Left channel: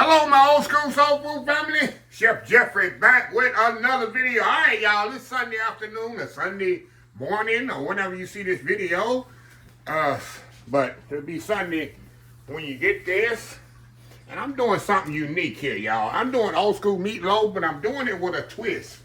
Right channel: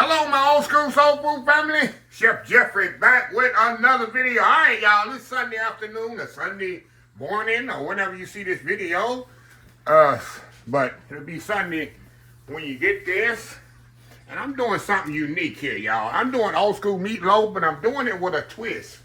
Hello, my old school soul food family. Chef Jeffrey back with another video. All right, y'all. This Sunday afternoon or Sunday morning or whenever you see this video. But it'll be Sunday when you get this. And I'm doing something unique here, y'all. I'm doing old school meatloaf, but I'm doing it with a twist.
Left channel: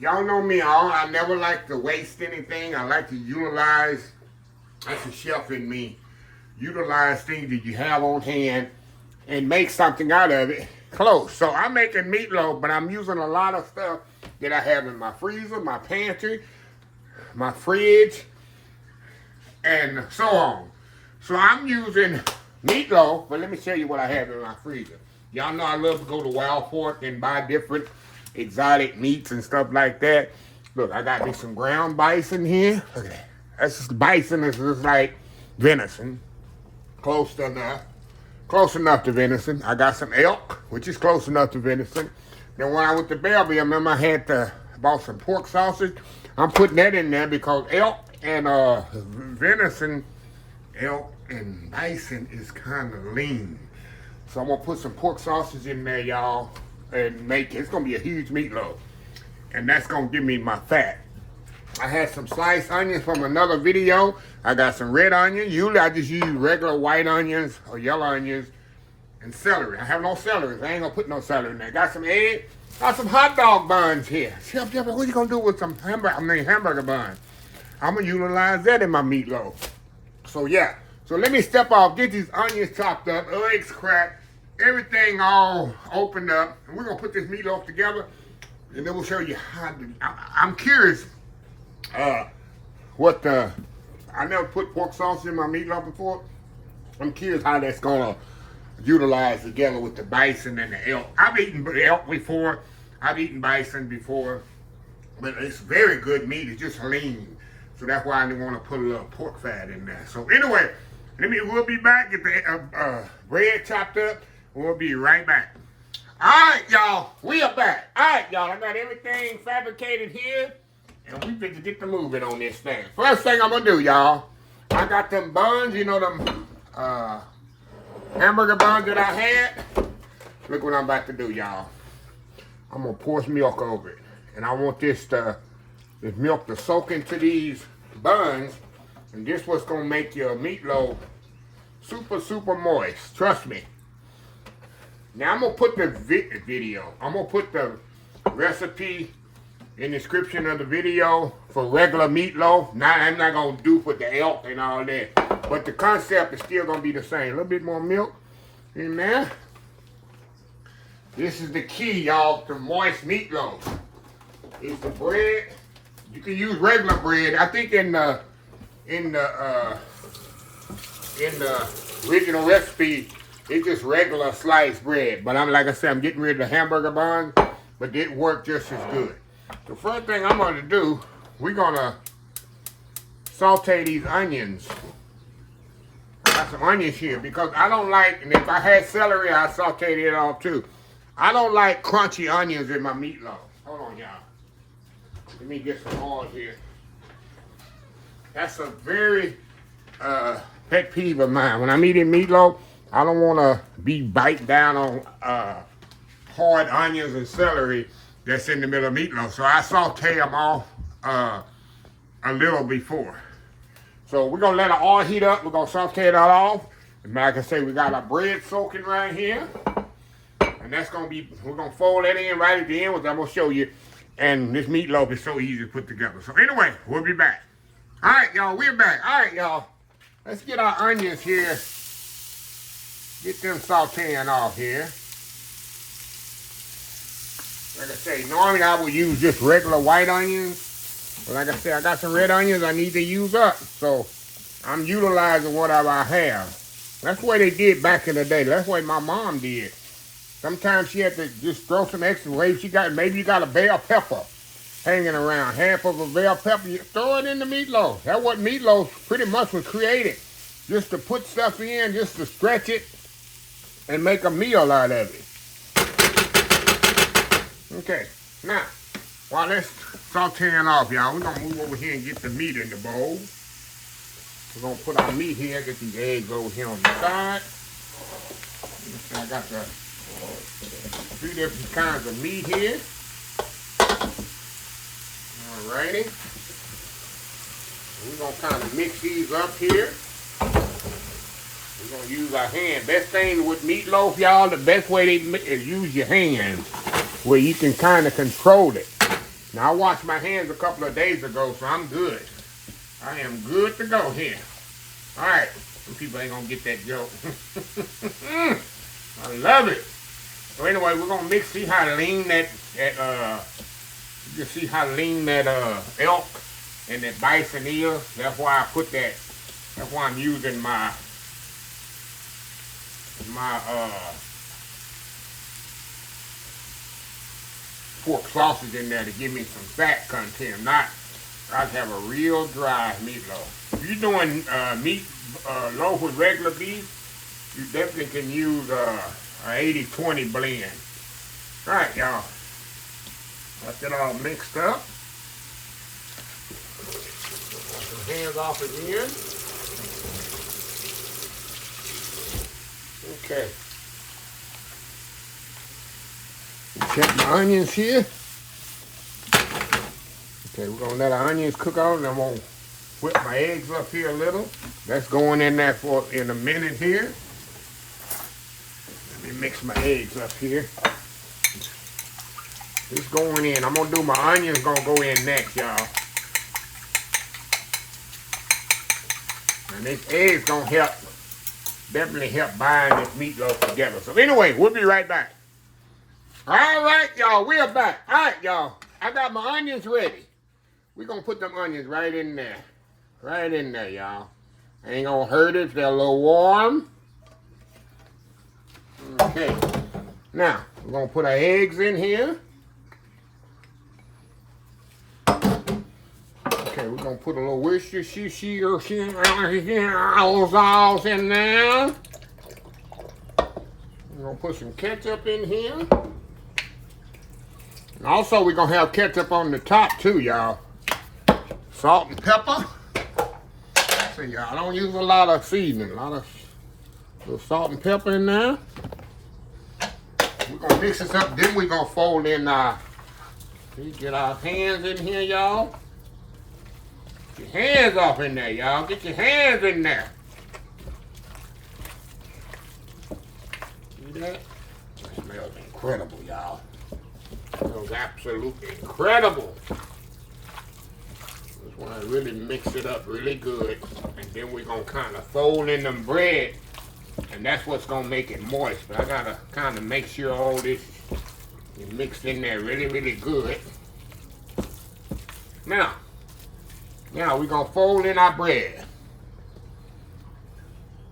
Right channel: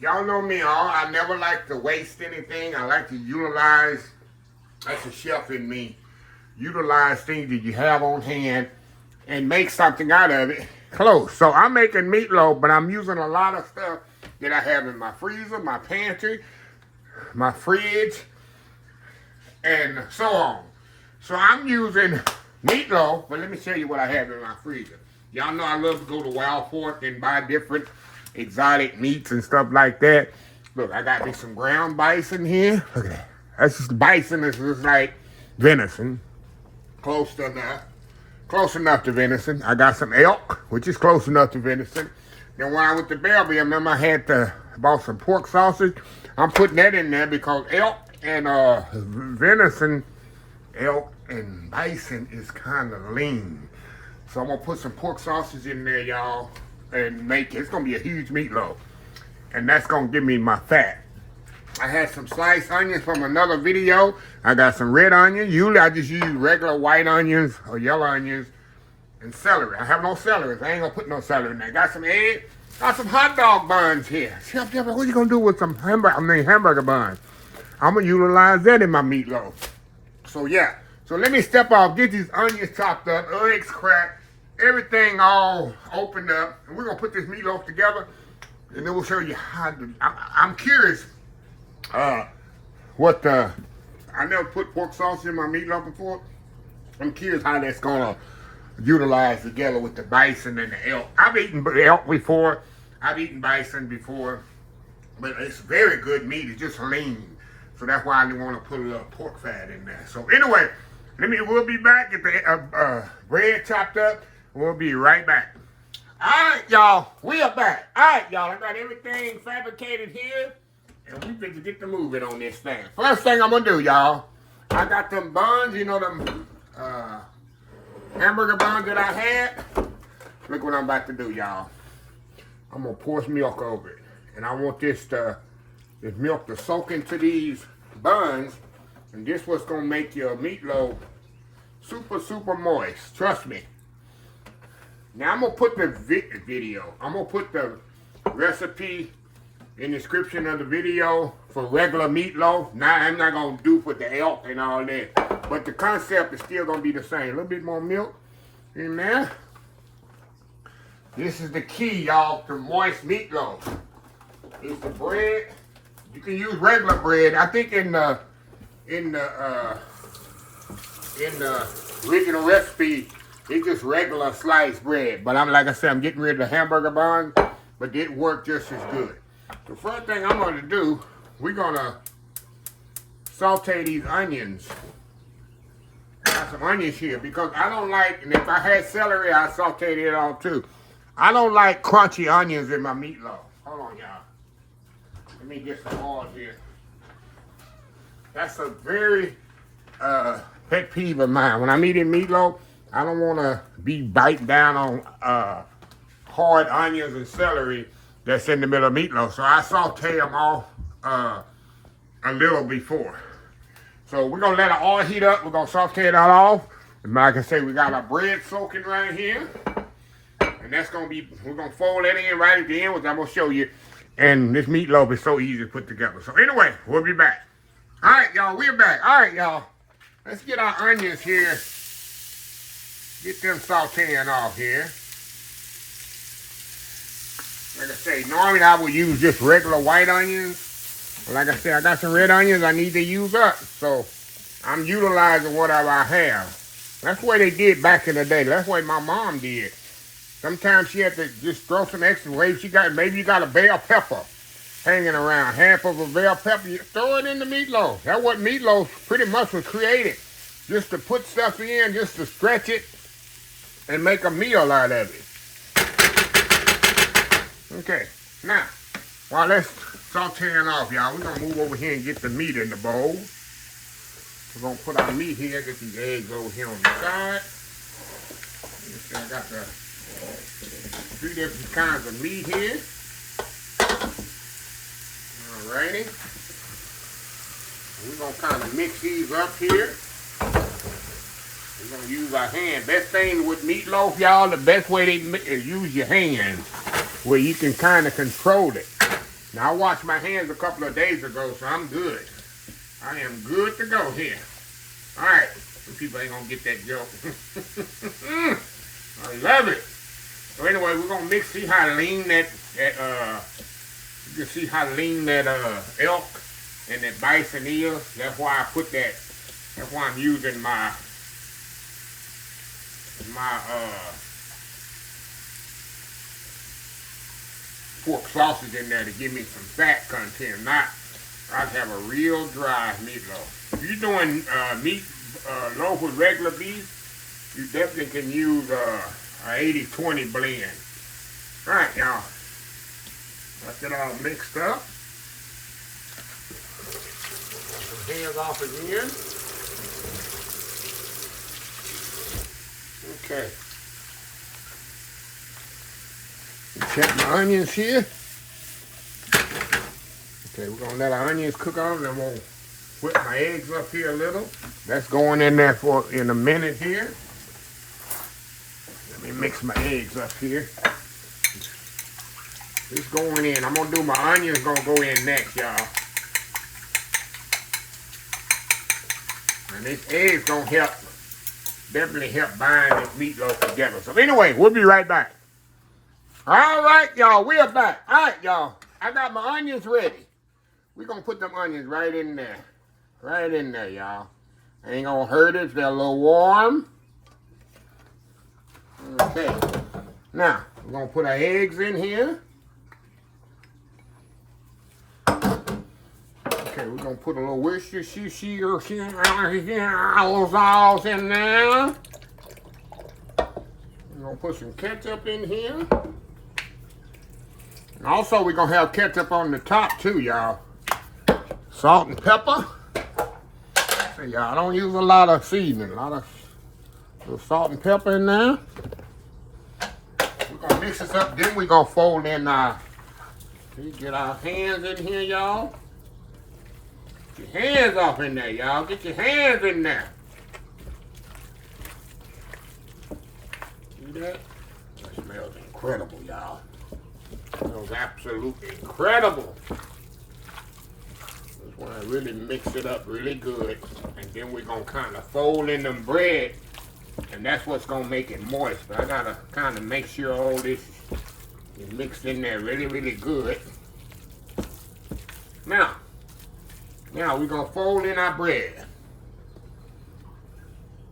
Y'all know me all. I never like to waste anything. I like to utilize, that's a chef in me, utilize things that you have on hand and make something out of it close. So I'm making meatloaf, but I'm using a lot of stuff that I have in my freezer, my pantry, my fridge, and so on. So I'm using meatloaf, but let me show you what I have in my freezer. Y'all know I love to go to Wild Fork and buy different exotic meats and stuff like that. Look, I got me some ground bison here. Look at that. That's just bison. It's just like venison. Close enough to venison. I got some elk, which is close enough to venison. Then when I went to Belleville, I remember I bought some pork sausage. I'm putting that in there because elk and venison, elk and bison is kind of lean. So I'm gonna put some pork sausage in there, y'all, and it's gonna be a huge meatloaf. And that's gonna give me my fat. I had some sliced onions from another video. I got some red onions. Usually I just use regular white onions or yellow onions and celery. I have no celery. I ain't gonna put no celery in there. Got some eggs. Got some hot dog buns here. Chef Jeffrey, what are you gonna do with some hamburger buns? I'm gonna utilize that in my meatloaf. So yeah. So let me step off, get these onions chopped up, eggs cracked, everything all opened up, and we're gonna put this meatloaf together, and then we'll show you how to. I'm curious. I never put pork sausage in my meatloaf before. I'm curious how that's gonna utilize together with the bison and the elk. I've eaten elk before. I've eaten bison before, but it's very good meat. It's just lean, so that's why I didn't want to put a little pork fat in there. So anyway, we'll be back. Get the bread chopped up. We'll be right back. All right, y'all. We are back. All right, y'all. I got everything fabricated here. And we finna get the moving on this thing. First thing I'm gonna do, y'all, I got them buns, you know, them hamburger buns that I had. Look what I'm about to do, y'all. I'm gonna pour some milk over it. And I want this milk to soak into these buns. And this what's gonna make your meatloaf super, super moist. Trust me. Now I'm gonna put the I'm gonna put the recipe in the description of the video for regular meatloaf. Now I'm not gonna do for the elk and all that, but the concept is still gonna be the same. A little bit more milk in there. This is the key, y'all, to moist meatloaf. Is the bread. You can use regular bread. I think in the original recipe, it's just regular sliced bread. But like I said, I'm getting rid of the hamburger buns, but it worked just as good. The first thing I'm going to do, we're going to saute these onions. I got some onions here because I don't like, and if I had celery, I'd saute it all too. I don't like crunchy onions in my meatloaf. Hold on, y'all. Let me get some oil here. That's a very pet peeve of mine. When I'm eating meatloaf, I don't want to be biting down on hard onions and celery that's in the middle of meatloaf. So I saute them off a little before. So we're gonna let the oil heat up. We're gonna saute it off. And like I say, we got our bread soaking right here. And that's gonna be, we're gonna fold that in right at the end, which I'm gonna show you. And this meatloaf is so easy to put together. So anyway, we'll be back. All right, y'all, we're back. All right, y'all. Let's get our onions here. Get them sauteing off here. Like I say, normally I would use just regular white onions. But like I said, I got some red onions I need to use up. So I'm utilizing whatever I have. That's the way they did back in the day. That's the way my mom did. Sometimes she had to just throw some extra away. Maybe you got a bell pepper hanging around. Half of a bell pepper, you throw it in the meatloaf. That's what meatloaf pretty much was created. Just to put stuff in, just to stretch it and make a meal out of it. Okay, now, while that's sauteing off, y'all, we're going to move over here and get the meat in the bowl. We're going to put our meat here, get these eggs over here on the side. I got the Three different kinds of meat here. Alrighty. We're going to kind of mix these up here. We're going to use our hand. Best thing with meatloaf, y'all, the best way is use your hands where you can kind of control it. Now, I washed my hands a couple of days ago, so I'm good. I am good to go here. All right. Some people ain't going to get that joke. I love it. So anyway, we're going to mix, see how lean that you can see how lean that elk and that bison is. That's why I put that, that's why I'm using my pork sausage in there to give me some fat content. Not, I have a real dry meatloaf. If you're doing loaf with regular beef, you definitely can use an 80-20 blend. All right, y'all. Let's get all mixed up. Wash some hands off again. Okay. Check my onions here. Okay, we're gonna let our onions cook on, and I'm gonna whip my eggs up here a little. That's going in there for in a minute here. Let me mix my eggs up here. It's going in. I'm gonna do my onions. Gonna go in next, y'all. And this eggs gonna help, definitely help bind this meatloaf together. So anyway, we'll be right back. All right, y'all, we're back. All right, y'all, I got my onions ready. We're gonna put them onions right in there. Right in there, y'all. Ain't gonna hurt it, they're a little warm. Okay, now, we're gonna put our eggs in here. Okay, we're gonna put a little Worcestershire sauce in there. We're gonna put some ketchup in here. And also, we're gonna have ketchup on the top too, y'all. Salt and pepper. So y'all, I don't use a lot of seasoning, a lot of little salt and pepper in there. We're gonna mix this up, then we're gonna fold in get our hands in here, y'all. Get your hands off in there, y'all. Get your hands in there. See that? It smells incredible, y'all. It smells absolutely incredible. Just want to really mix it up really good. And then we're going to kind of fold in them bread. And that's what's going to make it moist. But I got to kind of make sure all this is mixed in there really, really good. Now we're going to fold in our bread.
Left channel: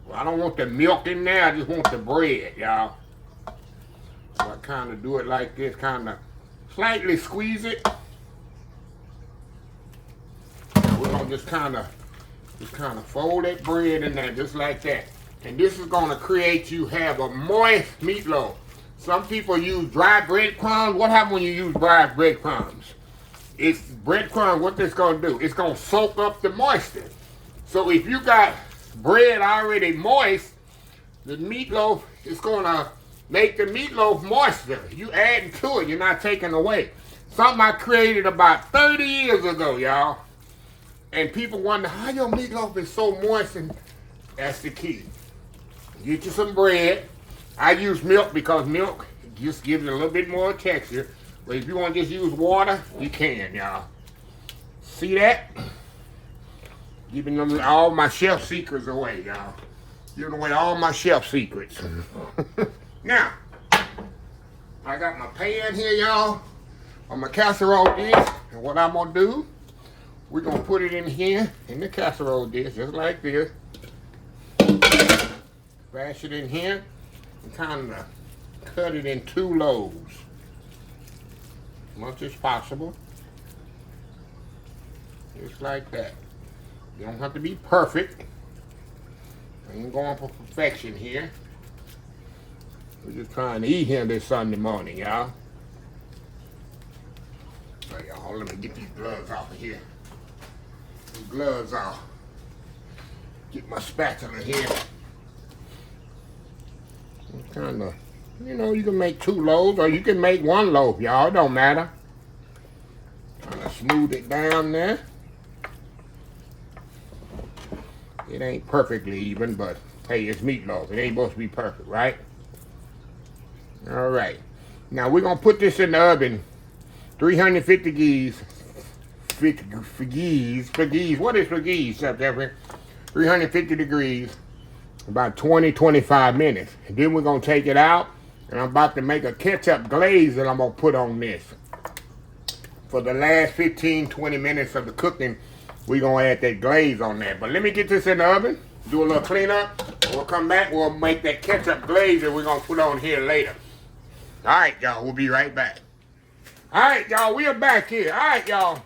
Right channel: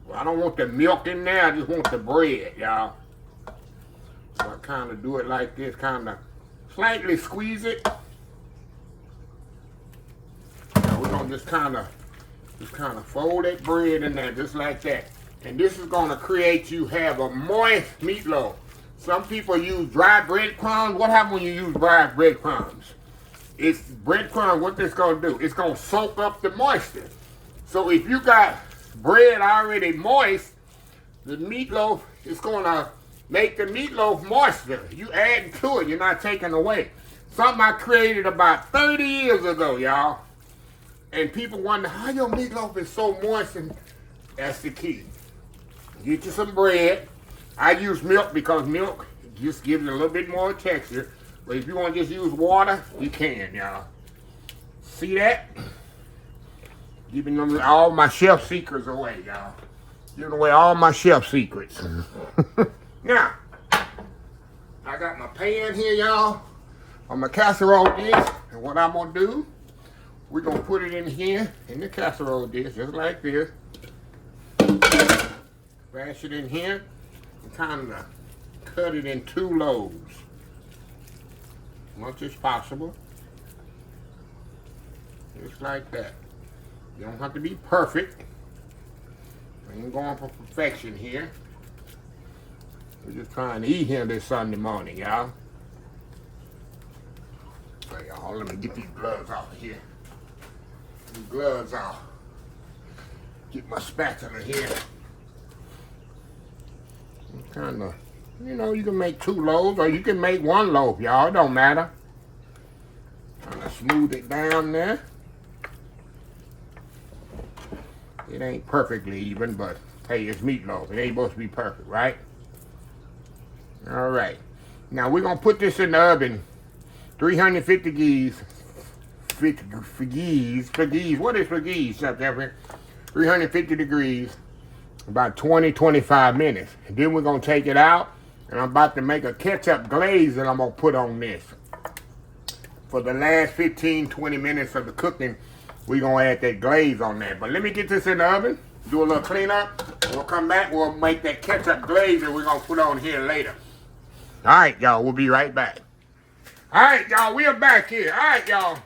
Well, I don't want the milk in there. I just want the bread, y'all. So I kind of do it like this, kind of slightly squeeze it. We're going to just kind of fold that bread in there just like that. And this is going to create you have a moist meatloaf. Some people use dry breadcrumbs. What happens when you use dry breadcrumbs? It's breadcrumbs, what this going to do? It's going to soak up the moisture. So if you got bread already moist, the meatloaf is going to make the meatloaf moisture. You adding to it, you're not taking away. Something I created about 30 years ago, y'all. And people wonder how your meatloaf is so moist, and that's the key. Get you some bread. I use milk because milk just gives it a little bit more texture. But if you want to just use water, you can, y'all. See that? Giving them all my chef secrets away, y'all. Giving away all my chef secrets. Now, I got my pan here, y'all, on my casserole dish. And what I'm going to do, we're going to put it in here, in the casserole dish, just like this. Bash it in here and kind of cut it in 2 loaves. As much as possible. Just like that. You don't have to be perfect. I ain't going for perfection here. We're just trying to eat here this Sunday morning, y'all. So y'all, let me get these gloves off of here. These gloves off. Get my spatula here. You know, you can make 2 loaves or you can make 1 loaf, y'all. It don't matter. Trying to smooth it down there. It ain't perfectly even, but hey, it's meatloaf. It ain't supposed to be perfect, right? All right. Now we're gonna put this in the oven, 350 degrees. What is degrees, Chef Jeffrey? 350 degrees, about 20-25 minutes. And then we're gonna take it out, and I'm about to make a ketchup glaze that I'm gonna put on this. For the last 15-20 minutes of the cooking, we're gonna add that glaze on there. But let me get this in the oven, do a little cleanup. We'll come back, we'll make that ketchup glaze that we're gonna put on here later. All right, y'all, we'll be right back. All right, y'all, we are back here. All right, y'all.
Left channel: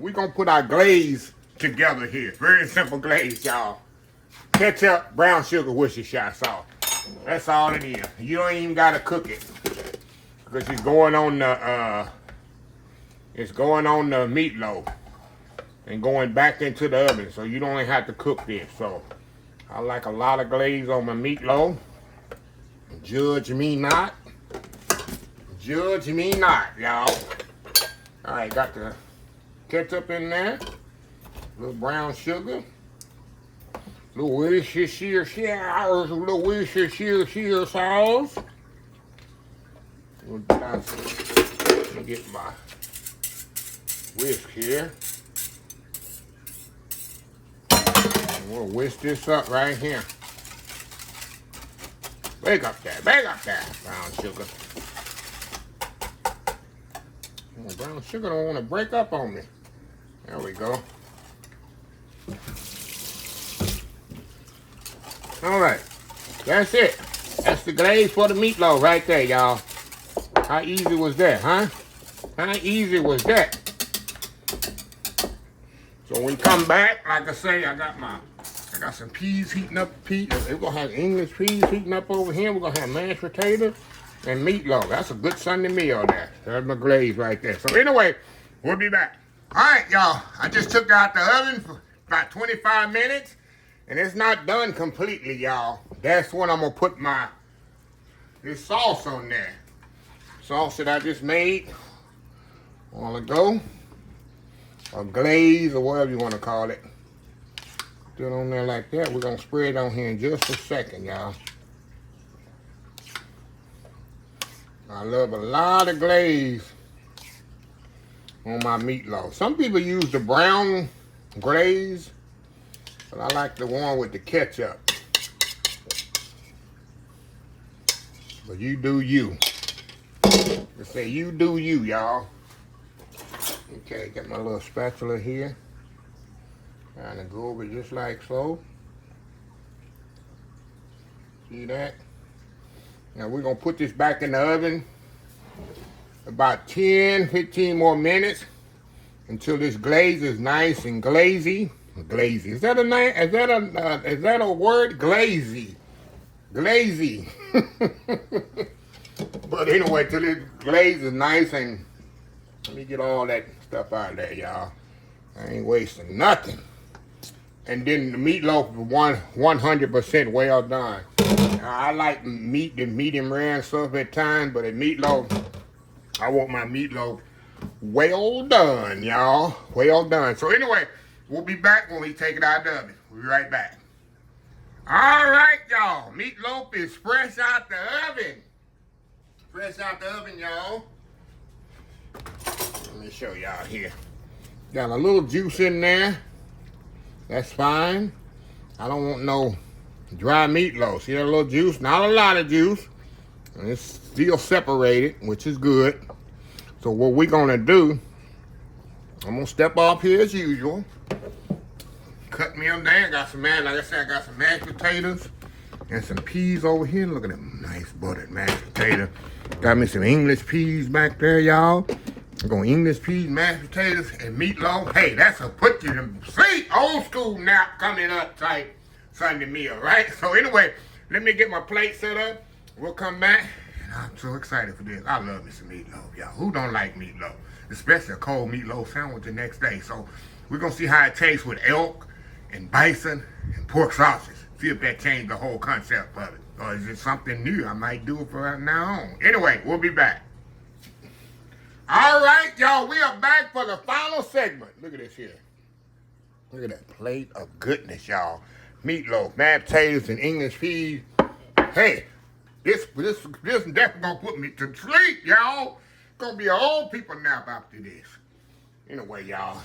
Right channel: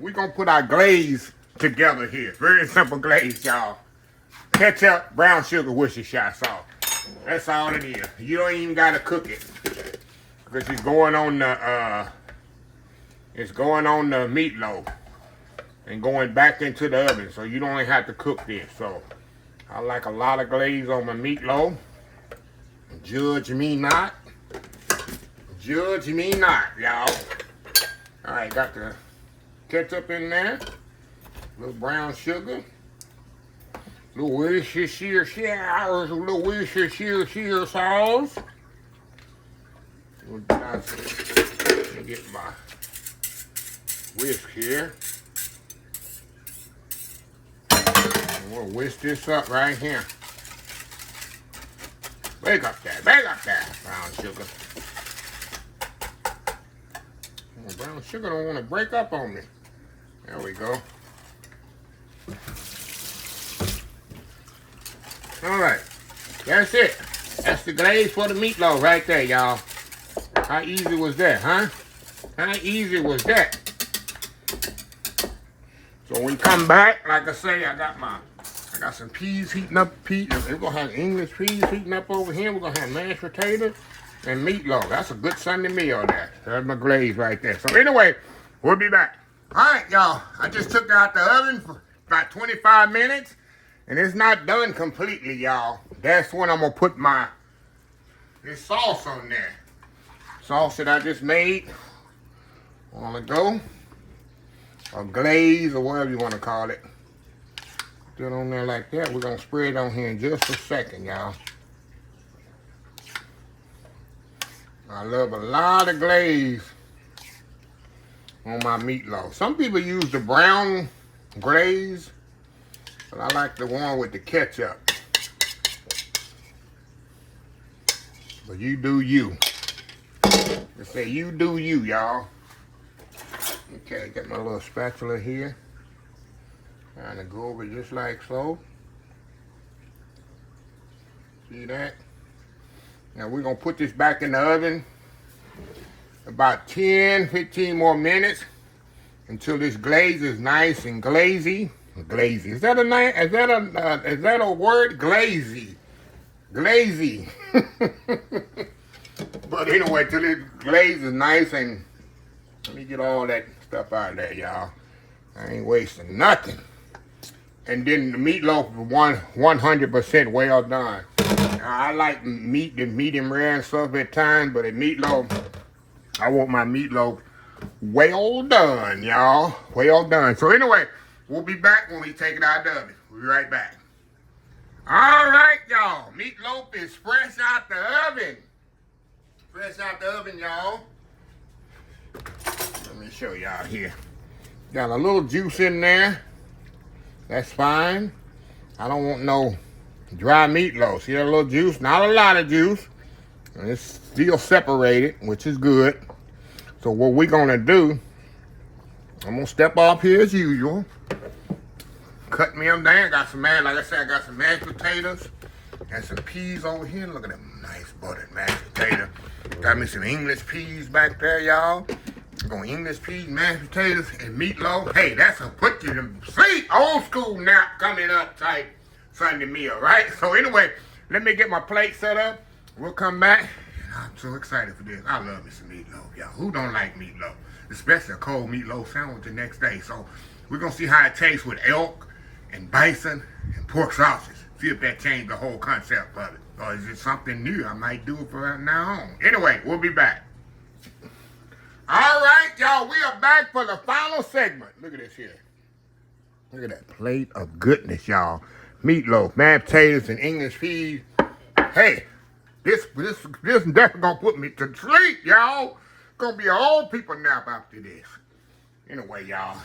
We're gonna put our glaze together here. Very simple glaze, y'all. Ketchup, brown sugar, Worcestershire sauce. That's all it is. You don't even gotta cook it, because it's going on the meatloaf and going back into the oven, so you don't even have to cook this. So I like a lot of glaze on my meatloaf. Judge me not. Judge me not, y'all. All right, got the ketchup in there. A little brown sugar. A little Worcestershire sauce. Let me get my whisk here. And we'll whisk this up right here. Break up that brown sugar. Oh, brown sugar don't want to break up on me. There we go. All right, that's it. That's the glaze for the meatloaf right there, y'all. How easy was that, huh? How easy was that? So when we come back, like I say, I got some peas heating up. We're gonna have English peas heating up over here. We're gonna have mashed potatoes and meatloaf. That's a good Sunday meal there. There's my glaze right there. So anyway, we'll be back. All right, y'all. I just took it out the oven for about 25 minutes, and it's not done completely, y'all. That's when I'm gonna put this sauce on there. Sauce that I just made a while ago, or glaze, or whatever you want to call it. Put it on there like that. We're gonna spread it on here in just a second, y'all. I love a lot of glaze on my meatloaf. Some people use the brown glaze, but I like the one with the ketchup. But you do you. They say you do you, y'all. Okay, got my little spatula here. Trying to go over just like so. See that? Now we're gonna put this back in the oven about 10-15 more minutes until this glaze is nice and glazy. Glazy. Is that a name? Is that a word? Glazy. Glazy. But anyway, till this glaze is nice, and let me get all that stuff out of there, y'all. I ain't wasting nothing. And then the meatloaf is 100% well done. I like the medium rare and stuff at times, but at meatloaf, I want my meatloaf well done, y'all. Well done. So anyway, we'll be back when we take it out of the oven. We'll be right back. All right, y'all. Meatloaf is fresh out the oven. Fresh out the oven, y'all. Let me show y'all here. Got a little juice in there. That's fine. I don't want no dry meatloaf. See that little juice? Not a lot of juice. And it's still separated, which is good. So what we're gonna do, I'm gonna step off here as usual. Cut me them down. Got some like I said, I got some mashed potatoes and some peas over here. Look at them nice buttered mashed potatoes. Got me some English peas back there, y'all. I'm going English peas, mashed potatoes, and meatloaf. Hey, that's a put you to sleep, old school nap coming up type Sunday meal, right? So anyway, let me get my plate set up. We'll come back. I'm so excited for this. I love me some meatloaf, y'all. Who don't like meatloaf? Especially a cold meatloaf sandwich the next day. So we're going to see how it tastes with elk and bison and pork sausage. See if that changed the whole concept of it. Or is it something new? I might do it from now on. Anyway, we'll be back. All right, y'all, we are back for the final segment. Look at this here. Look at that plate of goodness, y'all. Meatloaf, mashed potatoes, and English peas. Hey, this definitely gonna put me to sleep, y'all. Gonna be an old people nap after this. Anyway, y'all,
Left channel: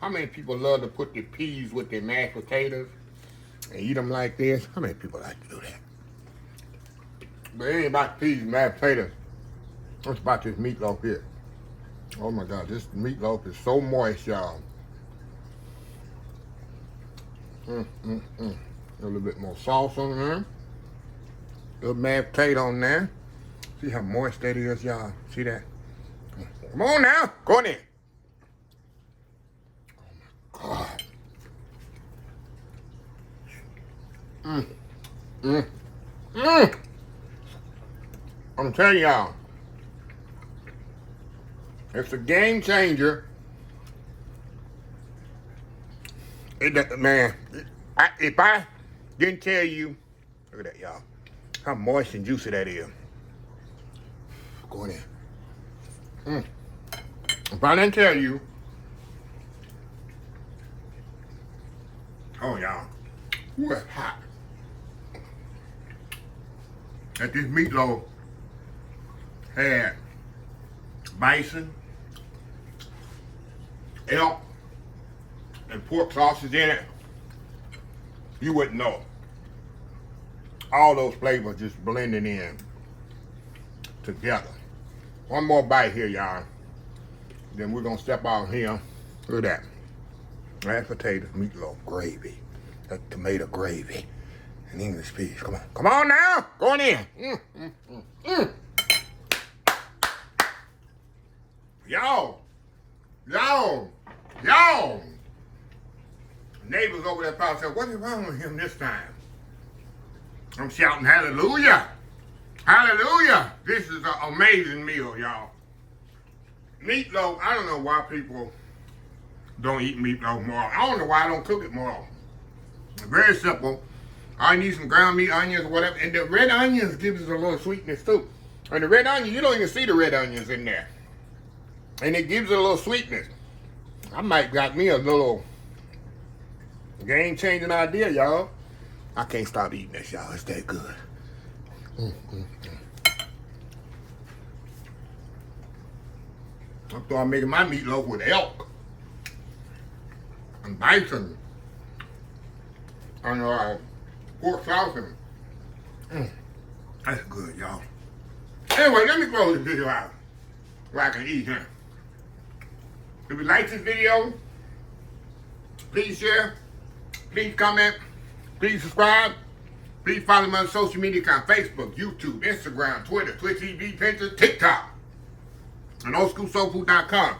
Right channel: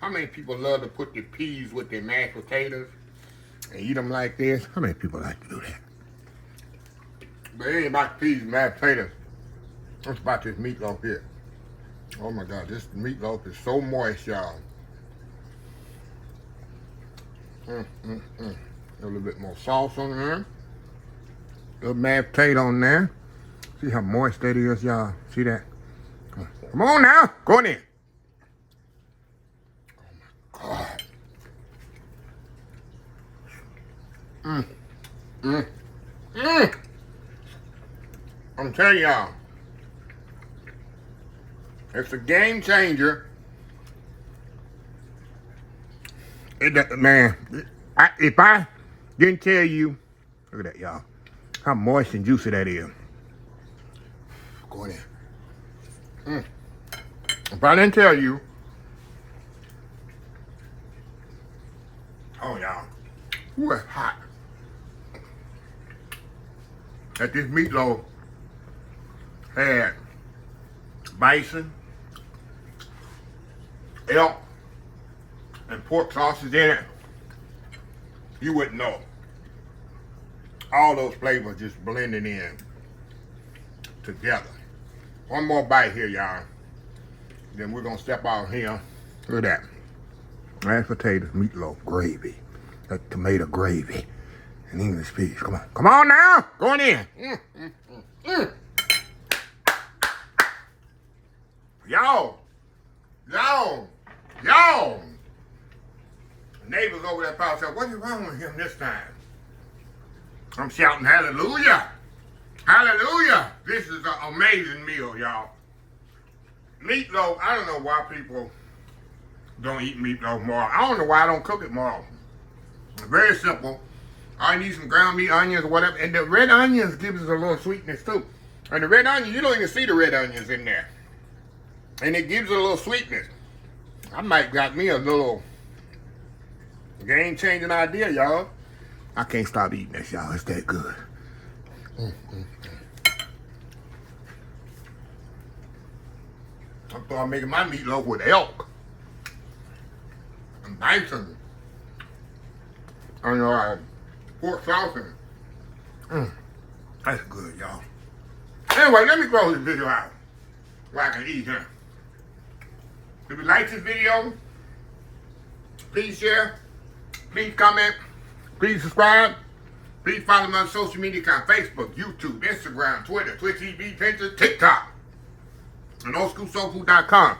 how many people love to put the peas with their mashed potatoes and eat them like this? How many people like to do that? But it ain't about peas and mashed potatoes. It's about this meatloaf here. Oh my God, this meatloaf is so moist, y'all. A little bit more sauce on there. A little mashed potato on there. See how moist that is, y'all? See that? Come on now, go in there. Oh my God. I'm telling y'all, it's a game changer. Man, if I didn't tell you, look at that, y'all, how moist and juicy that is. Go in there. If I didn't tell you, oh y'all, ooh, it's hot. That this meatloaf had bison, elk, and pork sausage in it, you wouldn't know. All those flavors just blending in together. One more bite here, y'all. Then we're gonna step out here. Look at that. Mashed potatoes, meatloaf, gravy. That tomato gravy. And English peas. Come on. Come on now. Going in. Y'all. Neighbors over there probably said, what is wrong with him this time? I'm shouting hallelujah. Hallelujah. This is an amazing meal, y'all. Meatloaf, I don't know why people don't eat meatloaf more. I don't know why I don't cook it more. Very simple. I need some ground meat, onions, whatever. And the red onions gives us a little sweetness too. And the red onions, you don't even see the red onions in there. And it gives it a little sweetness. I might got me a little game-changing idea, y'all. I can't stop eating this, y'all. It's that good. I thought I'm making my meatloaf with elk and bison and pork sausage. That's good, y'all. Anyway, let me close this video out where I can eat, huh? If you like this video, please share, please comment, please subscribe, please follow me on social media accounts, Facebook, YouTube, Instagram, Twitter, Twitch TV, Pinterest, TikTok, and oldschoolsoulfood.com.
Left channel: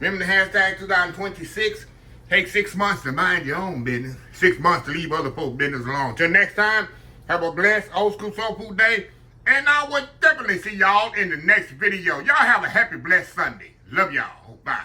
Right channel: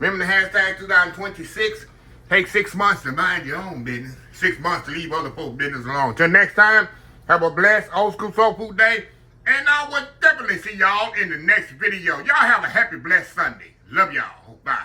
Remember the hashtag 2026, take 6 months to mind your own business, 6 months to leave other folks' business alone. Till next time, have a blessed Old School Soul Food Day, and I will definitely see y'all in the next video. Y'all have a happy, blessed Sunday. Love y'all. Bye.